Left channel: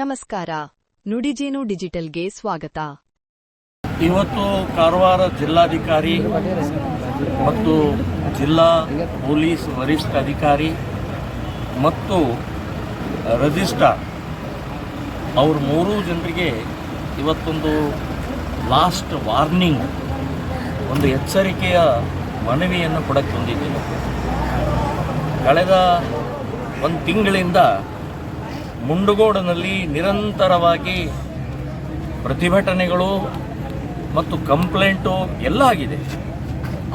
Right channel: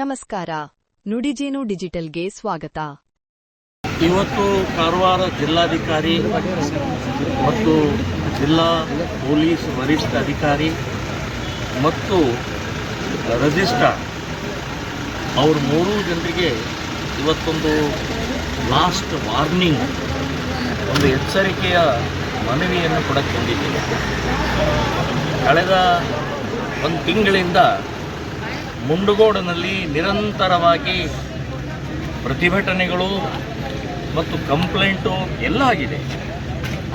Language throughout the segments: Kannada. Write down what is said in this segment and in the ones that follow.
ನಮಸ್ಕಾರ. ನುಡಿಜೇನು ಡಿಜಿಟಲ್ಗೆ ಸ್ವಾಗತ. ಇವತ್ತು ಕಾರವಾರ ಜಿಲ್ಲಾಧಿಕಾರಿ ಮತ್ತು ಜಿಲ್ಲಾ ಪೊಲೀಸ್ ವರಿಷ್ಠಾಧಿಕಾರಿ ಮತ್ತು ರಿಜಿಸ್ಟ್ರಾರ್ ಅವರು ಮೂರೂ ಜನರಿಗೆ ಇವತ್ತೊಂದು ಲಾಸ್ಟ್ ವಾರ್ನಿಂಗ್, ಒಂದು ಎಚ್ಚರಿಕೆಯ ಮನವಿಯನ್ನು ಕೊಡಕ್ಕೆ ಬಂದಿದ್ದೇನೆ. ಕಳೆದ ಒಂದು ತಿಂಗಳಿಂದ ಮುಂಡಗೋಡನಲ್ಲಿ ನಿರಂತರವಾಗಿ ಪ್ರತಿಭಟನೆಗಳು ಮತ್ತು ಕಂಪ್ಲೇಂಟು ಎಲ್ಲ ಆಗಿದೆ.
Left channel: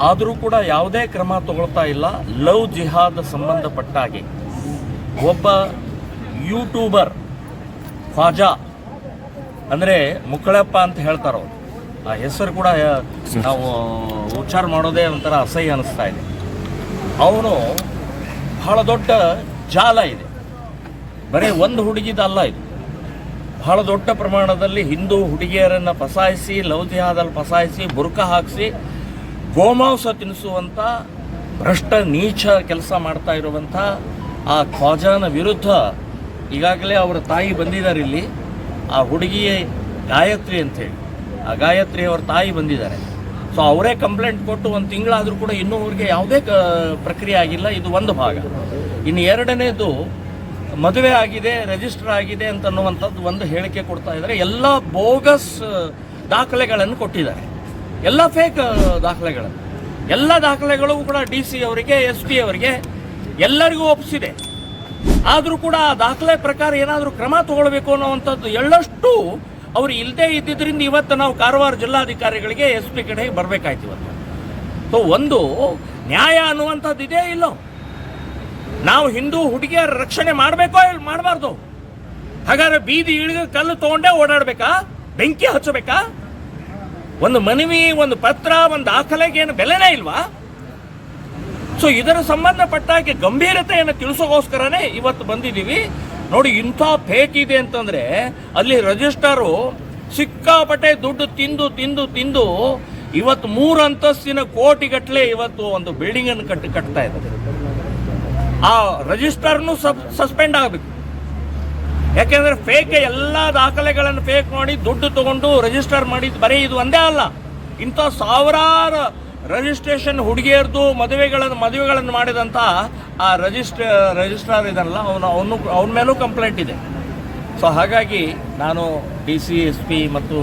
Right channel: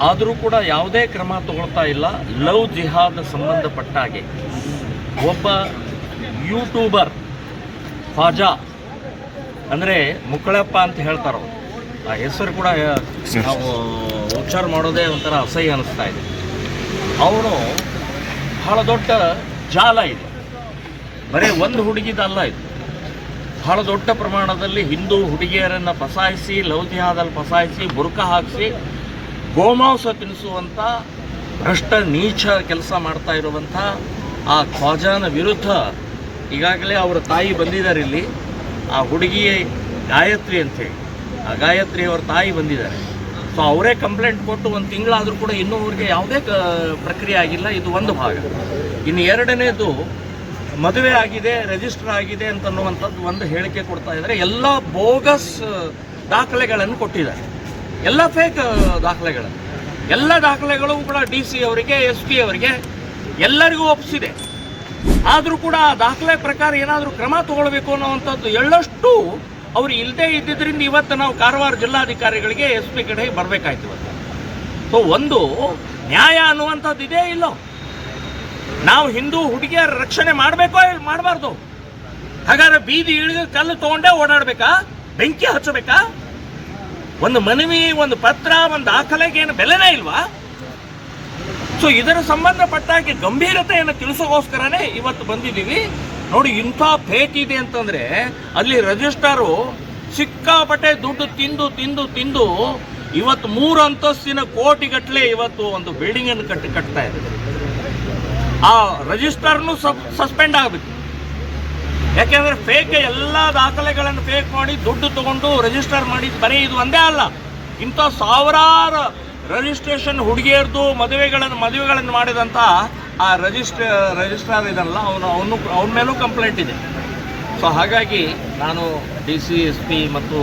ಆದರೂ ಕೂಡ ಯಾವುದೇ ಕ್ರಮ ತಗೊಳ್ತಾ ಇಲ್ಲ. ಲವ್ ಜಿಹಾದ್ ಸಂಬಂಧಪಟ್ಟ ಹಾಗೆ ಒಬ್ಬ ಯೂಟ್ಯೂಬರ್ ಖ್ವಾಜಾ ಅಂದರೆ ಮುಕ್ಕಳಪ್ಪ ಅಂತ ಹೇಳ್ತಾರೋ, ಆ ಹೆಸರು ಕೂಡ ನಾವು ಉಚ್ಚಾರ ಮಾಡೋದೇ ಒಂಥರ ಅಸಹ್ಯ ಅನ್ನಿಸ್ತಾ ಇದೆ. ಅವನು ಬಹಳ ದೊಡ್ಡ ಜಾಲ ಇದೆ, ಬರೀ ಒಂದು ಹುಡುಗಿದಲ್ಲ ಇದು. ಬಹಳ ದೊಡ್ಡ ಪ್ರಮಾಣದಲ್ಲಿ ಹಿಂದೂ ಹುಡುಗಿಯರನ್ನು ಫಸಾಯಿಸಿ, ಲವ್ ಜಿಹಾದಲ್ಲಿ ಫಸಾಯಿಸಿ, ಬುರ್ಕ ಹಾಕಿಸಿ, ಗೋಮಾಂಸ ತಿನ್ನಿಸುವಂಥ ಭ್ರಷ್ಟ ನೀಚ ಕೆಲಸ ಮಾಡ್ತಾ ಇರುವಂಥ ಆ ಖ್ವಾಜಾನ ವಿರುದ್ಧ ಈಗಾಗಲೇ ಅವರ ತಾಯಿ ಬಂದಿದ್ದಾರೆ ಇಲ್ಲಿ. ಆ ಹುಡುಗಿ ಗಾಯತ್ರಿ ಅಂಥೇಳಿ, ಆ ಗಾಯತ್ರಿ ಅವರ ತಾಯಿ ಬಂದಿದ್ದಾರೆ. ಸೊ ಅವರೇ ಕಂಪ್ಲೇಂಟ್ ಕೊಟ್ಟು ಒಂದು ತಿಂಗಳಾದರೂ ಕೂಡ ಇನ್ನೂ ಅವ್ರಿಗೆ ಯಾವುದೇ ಪ್ರಕ್ರಿಯೆ ಆಗಿಲ್ಲ. ಇದು ಒಂದು ಭಾಗ. ಇನ್ನು ಎರಡನೇದು, ಮದುವೆ ಆಗಿದೆ, ರಿಜಿಸ್ಟರ್ ಆಗಿದೆ ಅಂತನ್ನುವಂಥದ್ದು ಒಂದು ಹೇಳಿಕೆ ಕೊಡ್ತಾ ಇದ್ದಾರೆ. ಎಲ್ಲ ಬೋಗಸ್ ದಾಖಲೆಗಳನ್ನು ಕೊಟ್ಟಿದ್ದಾರೆ, ಎಲ್ಲ ಫೇಕ್ ದಾಖಲೆಗಳನ್ನು. ಎಲ್ಲ ದಾಖಲೆಗಳು ಕೂಡ DC ಅವರಿಗೆ, SP ಅವರಿಗೆ ಎಲ್ಲರಿಗೂ ಒಪ್ಪಿಸಿದೆ. ಆದರೂ ಕೂಡ ಆ ದಾಖಲೆ ಪ್ರಕಾರ ಏನಾದರೂ ಕ್ರಮ ತಗೊಳ್ಬೇಕು ಅನ್ನುವಂಥದ್ದು ಎಳ್ಳಷ್ಟು ಅವರು ಇಲ್ಲದೇ ಇದ್ದಿದ್ದರಿಂದ ಇವತ್ತು ನಾವು ಕಾರವಾರ ಜಿಲ್ಲಾಧಿಕಾರಿಗಳಿಗೆ SP ಕಡೆ ಬರಬೇಕಾಯ್ತು ಇವತ್ತು. ಸೊ ಒಂದು ನ್ಯಾಯ ಅನ್ನುವಂಥದ್ದು ಇದೇ ಇಲ್ಲೋ. ನಾವು ಹಿಂದೂ ಹುಡುಗಿಯರ ರಕ್ಷಣೆ ಮಾಡಬೇಕೋ ಮಾಡಬಾರ್ದು? ಹಾಗಾದ್ರೆ ಬೀದಿ ಇಳಿದು ಕಲ್ಲು ತಗೊಂಡೇ ಓಡಾಡಬೇಕಾ? ಬೆಂಕಿ ಹಚ್ಚಬೇಕಾ? ಒಂದು ಮನವಿ, ಒಂದು ಪತ್ರ, ಒಂದು ದಾಖಲೆಗೆ ಏನು ಬೆಲೆನೇ ಇಲ್ವಾ? ಸೊ ಇದರ ಸಂಬಂಧಪಟ್ಟಾಗೆ ಗಂಭೀರತೆಯನ್ನು ತಿಳಿಸೋಗೋಸ್ಕರನೇ ಇವತ್ತು ಬಂದಿದ್ದೀವಿ. ನೋಡಿ, ಇಂಥ ಫೇಕ್ ಇದೆ ಅಂತಂದ್ರೆ ಅಲ್ಲಿ ರಿಜಿಸ್ಟ್ರಾರು ಸಿಕ್ಕಾಪಟ್ಟೆ ದುಡ್ಡು ತಿಂದು ತಿಂದು ತಿಂದು ಇವತ್ತು 3 ಅಂತಸ್ತಿನ ಕೋಟಿಗಟ್ಟಲೆ ಇವತ್ತು ಒಂದು ಬಿಲ್ಡಿಂಗ್ ಅನ್ನು ಕಟ್ತಾ ಇದೆ. ಆ ರಿಜಿಸ್ಟರ್ನು ಸಸ್ಪೆಂಡ್ ಆಗಬೇಕು. ಯಾಕೆಂದ್ರೆ ಫೇಕ್ ಎಲ್ಲ ದಾಖಲೆಗಳನ್ನು ಫೇಕ್ ಮಾಡಿ ದುಡ್ಡು ತಗೊಂಡು ರಿಜಿಸ್ಟರ್ ಮಾಡಿ, ಬರೀ ಇದು ಒಂದೇ ಅಲ್ಲ, ಇಂಥ ಸಾವಿರಾರು ರಿಜಿಸ್ಟ್ರೇಷನ್ ಹುಡುಗಿಯರ್ದು ಮದುವೆಗಳನ್ನು ಮಾಡಿದಂಥ ಆ ರಿಜಿಸ್ಟ್ರಾರ್ ಇದಲ್ಲ, ಅವನ ಮೇಲೂ ಕಂಪ್ಲೇಂಟ್ ಇದೆ. ಸೊ ಹಾಗಾಗಿ ನಾನು DC, SP ಮತ್ತು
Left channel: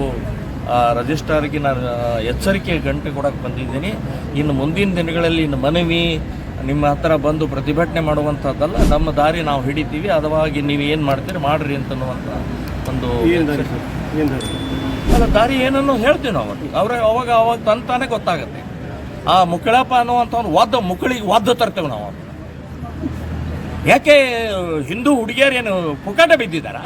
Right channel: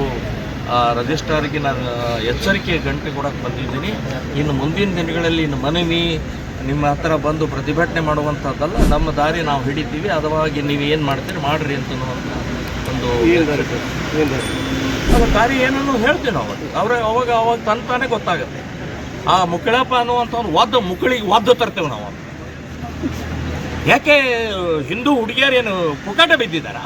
ರಿಜಿಸ್ಟ್ರಾರ್ಗೆ ನಾನು ಎಚ್ಚರಿಕೆ ಗಂಟೆ ಕೊಡೋಕ್ಕೆ ಬಂದಿದ್ದೀನಿ. ಇನ್ನು ಮುಂದಿನ ದಿನಗಳಲ್ಲಿ ಇನ್ನು ಮನವಿ ನಿಮ್ಮ ಹತ್ರ ಬಂದು ಪ್ರತಿಭಟನೆ ಮಾಡುವಂಥದ್ದಲ್ಲ, ನಮ್ಮ ದಾರಿ ನಾವು ಹಿಡಿತೀವಿ, ಅದವಾಗಿ ನೀವು ಏನು ಮಾಡ್ತೀರಿ ಮಾಡ್ರಿ ಅಂತನ್ನುವಂಥ ಒಂದು ದಾರಿ ಏನನ್ನು ಹೇಳ್ತೀವಿ ನಾವು. ಅವಾಗ ತಂತಾನೆ ಗೊತ್ತಾಗುತ್ತೆ. ಆ ಮುಕ್ಕಳಪ್ಪ ಅನ್ನುವಂಥವ್ನು ಒದ್ದು ತರ್ತೇವೆ ನಾವು. ಯಾಕೆ ಹಿಂದೂ ಹುಡುಗಿಯರೇನು ಪುಕಾಟ ಬಿದ್ದಿದ್ದಾರಾ?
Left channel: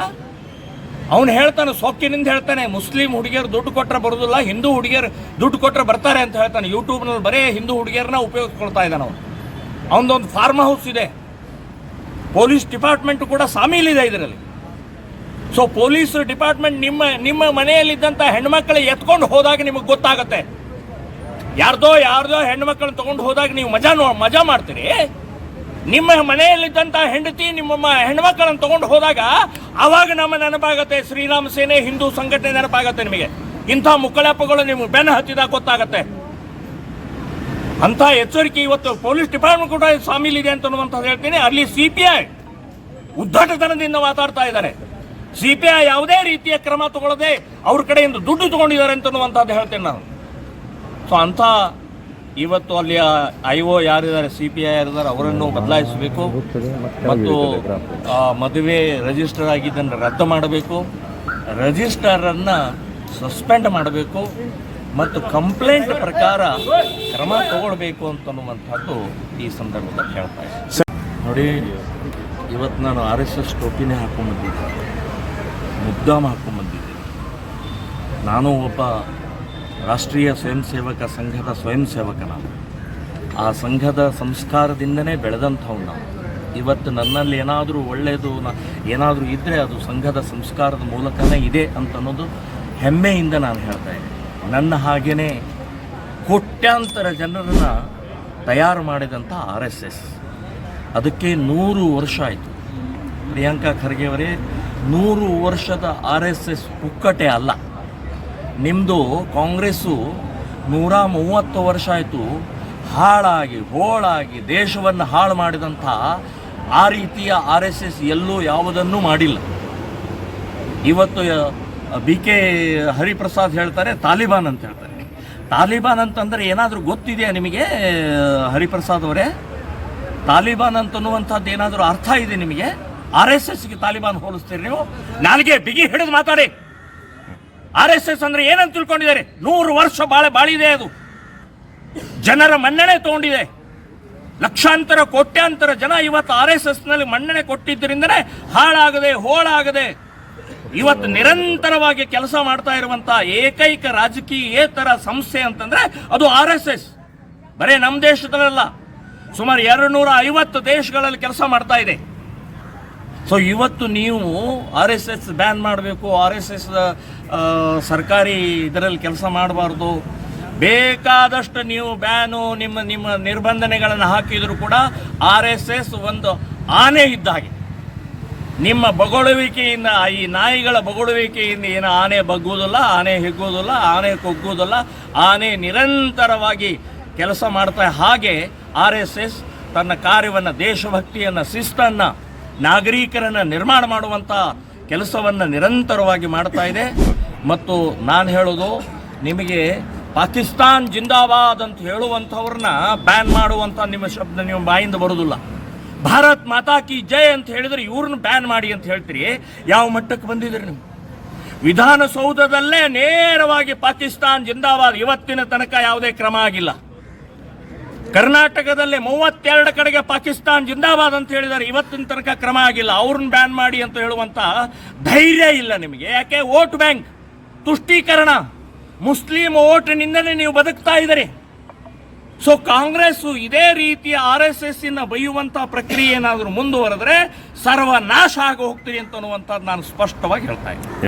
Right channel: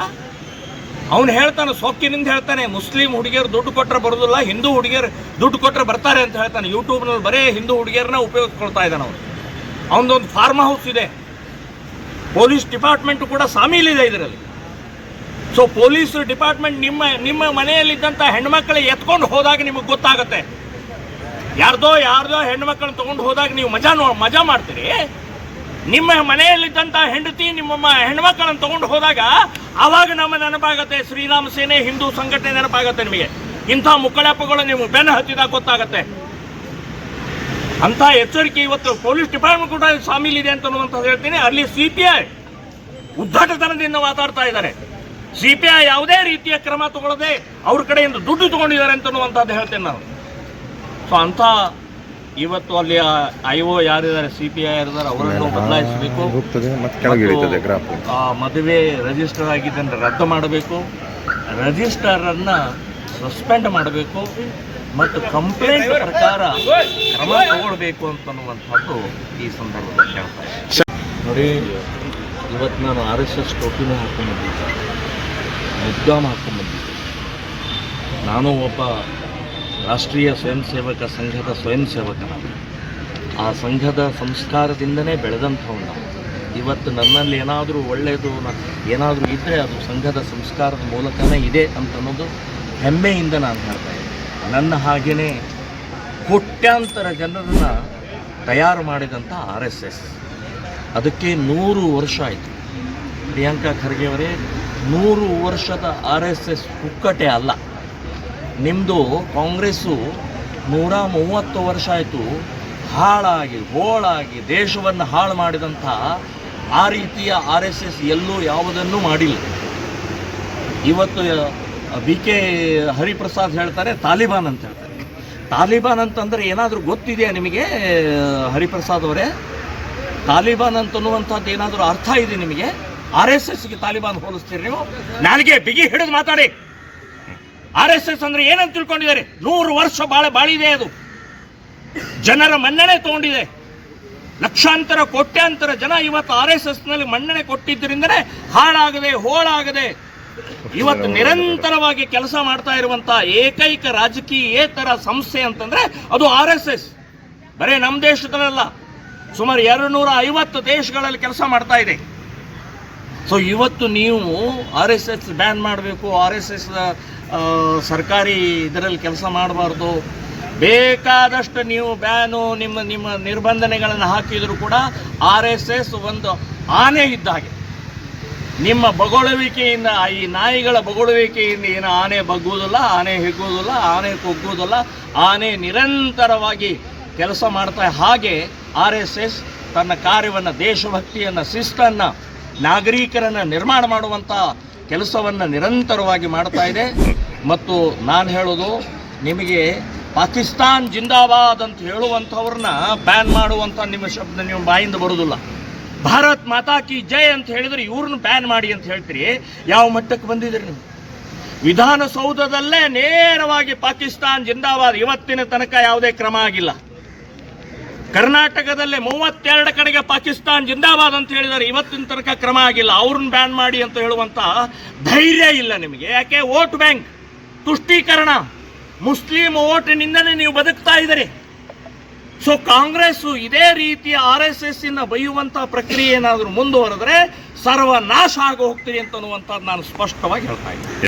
ಅವನು ಹೇಳ್ತಾನೆ, ಸೊಕ್ಕಿನಿಂದ ಹೇಳ್ತಾನೆ, ಮುಸ್ಲಿಂ ಹುಡುಗಿಯರು ದುಡ್ಡು ಕೊಟ್ಟರೆ ಬರೋದಿಲ್ಲ, ಹಿಂದೂ ಹುಡುಗಿಯರು ದುಡ್ಡು ಕೊಟ್ಟರೆ ಬರ್ತಾರೆ ಅಂತ ಹೇಳ್ತಾನೆ. ಯೂಟ್ಯೂಬ್ನಲ್ಲಿ ಬರೀ ಹಿಂದೂ ಹುಡುಗಿಯರನ್ನ ಉಪಯೋಗಿಸ್ಕೊಳ್ತಾ ಇದ್ದಾನೆ ಅವನು. ಅವನದೊಂದು ಫಾರ್ಮ್ ಹೌಸ್ ಇದೆ, ಪೊಲೀಸ್ ಡಿಪಾರ್ಟ್ಮೆಂಟ್ ಕೂಡ ಸಾಮೀಲಿದೆ ಇದರಲ್ಲಿ. ಸೊ ಪೊಲೀಸ್ ಡಿಪಾರ್ಟ್ಮೆಂಟ್ ನಿಮ್ಮ ಮನೆಯಲ್ಲಿದ್ದಂಥ ಹೆಣ್ಮಕ್ಳು ಎತ್ಕೊಂಡು ಹೋದಾಗ ನಿಮಗೆ ಗೊತ್ತಾಗುತ್ತೆ. ಯಾರ್ದೋ ಹೆಣ್ಮಕ್ಳನ್ನ ತಗೊಂಡು ಹೋದಾಗ ನೀವು ಮಜಾ ಮಾಡ್ತೀರಿ. ನಿಮ್ಮ ಮನೆಯಲ್ಲಿದ್ದಂಥ ಹೆಂಡತಿ ನಿಮ್ಮ ಹೆಣ್ಮಕ್ಳನ್ನು ತಗೊಂಡು ಹೋದಾಗ ಆವಾಗ ನಮ್ಮ ನೆನಪಾಗತ್ತೆ ಶ್ರೀರಾಮ ಸೇನೆ, ಹಿಂದೂ ಸಂಘಟನೆ ನೆನಪಾಗತ್ತೆ ನಿಮಗೆ. ಇಂಥ ಮುಕ್ಕಳಪ್ಪಗಳು ನೀವು ಬೆನ್ನು ಹತ್ತಿದಾಗ ಗೊತ್ತಾಗತ್ತೆ. ಅಂಥ ಎಚ್ಚರಿಕೆ ಇವತ್ತು ಪೊಲೀಸ್ ಡಿಪಾರ್ಟ್ಮೆಂಟ್ ಕೂಡ ಸಾಮೀಲಿದೆ ಅಂತನ್ನುವಂಥದ್ದು ಹೇಳ್ತೀನಿ. ಅಲ್ಲಿ CPI ಉದ್ದಟತನದಿಂದ ಮಾತಾಡ್ತಾ ಇದ್ದಾರೆ. CPI ಯಾವುದೇ ರೀತಿಯ ಕ್ರಮ ತಗೊಳ್ಳದೆ ಅವ್ರ ಕಡೆಯಿಂದ ದುಡ್ಡು ತಗೊಂಡಿದ್ದಾರೆ ಅಂತನ್ನುವಂಥದ್ದು ಹೇಳ್ತೇನೆ ನಾನು. ಸೊ ಅಂಥ ಇವತ್ತು ಅಲ್ಲಿ IO ಯಾರಿದ್ದಾರೆ, CPI ಯಾರಿದ್ದಾರೆ, ಅವರನ್ನು ಬದಲಾಯಿಸಬೇಕು. ಮತ್ತು ಮದುವೆ ರಿಜಿಸ್ಟರ್ ಆಗಿದ್ದನ್ನು ರದ್ದು ಮಾಡಬೇಕು, ರಿಜಿಸ್ಟರನ್ನು ಸಸ್ಪೆಂಡ್ ಮಾಡಬೇಕು ಮತ್ತು ಕಂಪ್ಲೇಂಟ್ ಪ್ರಕಾರ ಕ್ರಮ ತಗೊಳ್ಬೇಕು ಅಂತನ್ನುವಂಥದ್ದು ಈ ಸಂದರ್ಭದಲ್ಲಿ ಹೇಳ್ತಾ ಇದ್ದೀನಿ. ನೋಡಿ, ಇವತ್ತು ನಾನು RSS ಟೋಪಿನೇ ಹಾಕ್ಕೊಂಡ್ಬಂದಿದ್ದೆ, ಮುದ್ದಾಮ ಹಾಕ್ಕೊಂಡ್ಬಂದಿದ್ದೆ. ನಾನು ಒಬ್ಬ ರಾಷ್ಟ್ರೀಯ ಸ್ವಯಂ ಸೇವಕ ಸಂಘದ ಸ್ವಯಂ ಸೇವಕ. ನಾನು ಆ ಸಂಘದ ಸಂಸ್ಕಾರದಿಂದನೇ ಬೆಳೆದಂಥವ್ನು. ನಾವು ಇವತ್ತು ನನ್ನಲ್ಲಿ ಏನಾದರೂ ಒಳ್ಳೆಯದು ಏನಾದರೂ ಇದ್ದರೆ ಅದು ಸಂಘದ ಸಂಸ್ಕಾರದ ಮೂಲಕನೇ ಇದೆ ಅಂತನ್ನೋದು ಹೆಮ್ಮೆಯಿಂದ ನಾನು ಹೇಳ್ತಾ ಇದ್ದೀನಿ. ನನ್ನ ಹಾಗೆಯೇ ಕೋಟ್ಯಾಂತರ ಜನರನ್ನು ತಯಾರು ಮಾಡಿದಂಥ RSS, ಅದಕ್ಕೆ 100 ವರ್ಷ ಆಯಿತು. ಪ್ರಿಯಾಂಕಾ ಖರ್ಗೆ ಅವರೇ 100 ವರ್ಷದ RSS ಪುಕ್ಕಟೆ ಅಲ್ಲ. ನಿಮ್ಮದು ಕಾಂಗ್ರೆಸ್ಸು 130 ವರ್ಷ ಆಯಿತು ಹಾಳಾಗಿ ಹೋಳಾಗಿ ದೇಶವನ್ನು ಹಾಳು ಮಾಡಿದಂಥ ಆ ರೀತಿಯ RSS ಎಲ್ಲೂ ಯಾವುದನ್ನೂ ಮಾಡಿಲ್ಲ. ಇವತ್ತು BK ಹರಿಪ್ರಸಾದ್ ಹೇಳ್ತಾರೆ ತಾಲಿಬಾನ್ ಅಂತ ಹೇಳ್ತಾರೆ. ತಾಲಿಬಾನ್ ಅಂತಂದರೆ ಏನಾದರೂ ಗೊತ್ತಿದೆಯಾ ನಿಮಗೆ ಹರಿಪ್ರಸಾದ್ ಅವರೇ? ತಾಲಿಬಾನ್ ಅಂತನ್ನುವಂಥದ್ದು ಏನಾದರೂ ಅರ್ಥ ಇದೆ ನಿಮಗೆ? RSSಗೆ ತಾಲಿಬಾನ್ ಹೋಲಿಸ್ತೀರಿ ನೀವು? ನನಗೆ ಬಿಗಿ ಹಿಡಿದು ಮಾತಾಡಿ. RSS ಅಂದರೆ ಏನಂತ ತಿಳ್ಕೊಂಡಿದ್ದಾರೆ? 100 ವರ್ಷ ಬಾಳಿದೆ. ಅದು ಜನರ ಮನ್ನಣೆ ತಗೊಂಡಿದೆ. ಲಕ್ಷಾಂತರ ಕೋಟ್ಯಾಂತರ ಜನ ಇವತ್ತು RSSನಲ್ಲಿ ಮನ್ನಣೆ ಕೊಟ್ಟಿದ್ದರಿಂದನೇ ಹಾಳಾಗದೆ ಹೋಳಾಗದೆ ಇವತ್ತು ನಿರಂತರವಾಗಿ ಕೆಲಸ ಮಾಡ್ತಾ ಇರುವಂಥ ಏಕೈಕ ರಾಜಕೀಯೇತರ ಸಂಸ್ಥೆ ಅಂತಂದ್ರೆ ಅದು RSS. ಬರೀ ನಮ್ಮ ದೇಶದಲ್ಲ, ಸುಮಾರು 250 ದೇಶಗಳಲ್ಲಿ ಕೆಲಸ ಮಾಡ್ತಾ ಇದೆ. ಸೊ ಇವತ್ತು ನೀವು RSS ಬ್ಯಾನ್ ಮಾಡಬೇಕು, RSS ಸರ್ಕಾರಿ ಇದರಲ್ಲಿ ಕೆಲಸ ಮಾಡಬಾರ್ದು, ಬೇಕಾದಷ್ಟು ನೀವು ಬ್ಯಾನು ನಿಮ್ಮ ನಿರ್ಬಂಧನೆಗಳನ್ನು ಹಾಕಿದರೂ ಕೂಡ RSS ಒಂದು ಆನೆ ಇದ್ದ ಹಾಗೆ. ನಿಮ್ಮ ಬೊಗಳುವಿಕೆಯಿಂದ, ಈ ನಾಯಿಗಳ ಬೊಗಳುವಿಕೆಯಿಂದ ಏನು ಆನೆ ಬಗ್ಗುವುದಿಲ್ಲ, ಆನೆ ಹಿಗ್ಗುವುದಿಲ್ಲ, ಆನೆ ಕುಗ್ಗುವುದಿಲ್ಲ. ಆನೆ ನಿರಂತರವಾಗಿ ಕೆಲಸ ಮಾಡ್ತಾ ಹಾಗೆ RSS ತನ್ನ ಕಾರ್ಯವನ್ನು, ದೇಶಭಕ್ತಿಯನ್ನು, ಶಿಸ್ತನ್ನು, ನಾಗರಿಕರನ್ನು ನಿರ್ಮಾಣ ಮಾಡುವಂಥ ಕೆಲಸವನ್ನು ನಿರಂತರವಾಗಿ ಮಾಡ್ತಾ ಇದೆ. ಮತ್ತು ನಾನು ಹೇಳೋದು ನಿಮಗೆ, ಪಾಕಿಸ್ತಾನ್ ಜಿಂದಾಬಾದ್ ಅಂತ ಹೇಳುವಂಥವ್ರನ್ನ ಬ್ಯಾನ್ ಮಾಡುವಂಥ ನಿಮ್ಮ ಶಬ್ದ ನಿಮ್ಮ ಬಾಯಿಂದ ಬರೋದಿಲ್ಲ. ಭಾರತ್ ಮಾತಾ ಕಿ ಜೈ ಅಂತ ಹೇಳಿದರೆ ಇವ್ರನ್ನ ಬ್ಯಾನ್ ಮಾಡಿ ಅಂತ ಹೇಳ್ತೀರಿ. ಯಾವ ಮಟ್ಟಕ್ಕೆ ಬಂದಿದ್ದೀರಿ ನೀವು? ವಿಧಾನಸೌಧದಲ್ಲೇ ನೇರವಾಗಿ ಪಾಕಿಸ್ತಾನ್ ಜಿಂದಾಬಾದ್ ಇವತ್ತಿನ ತನಕ ಯಾವುದೇ ಕ್ರಮ ಆಗಿಲ್ಲ. ಕರ್ನಾಟಕದಲ್ಲೇ 32 ಕಡೆಗೆ ಪಾಕಿಸ್ತಾನ್ ಜಿಂದಾಬಾದ್ ಅಂತ ಹೇಳಿದರೆ ಇವತ್ತಿನ ತನಕ ಕ್ರಮ ಆಗಿಲ್ಲ. ಅವ್ರನ್ನ ಬ್ಯಾನ್ ಮಾಡಿ ಅಂತ ಹೇಳುವಂಥ ಧೈರ್ಯ ಇಲ್ಲ ನಿಮಗೆ. ಯಾಕೆ? ವೋಟ್ ಬ್ಯಾಂಕ್ ತುಷ್ಟೀಕರಣ, ಮುಸ್ಲಿಂ ಓಟಿನಿಂದನೇ ನೀವು ಬದುಕ್ತಾ ಇದ್ದೀರಿ. ಸೊ ಕಾಂಗ್ರೆಸ್ ಇದೇ ರೀತಿಯ RSS ಬೈಯುವಂಥ ಪ್ರಕ್ರಿಯೆ ಏನಾದರೂ ಮುಂದುವರೆದ್ರೆ ಸರ್ವನಾಶ ಆಗಿ ಹೋಗ್ತೀರಿ ಅಂತನ್ನುವಂಥದ್ದು ನಾನು ಸ್ಪಷ್ಟವಾಗಿ ಹೇಳ್ತಾ ಇದ್ದೀನಿ.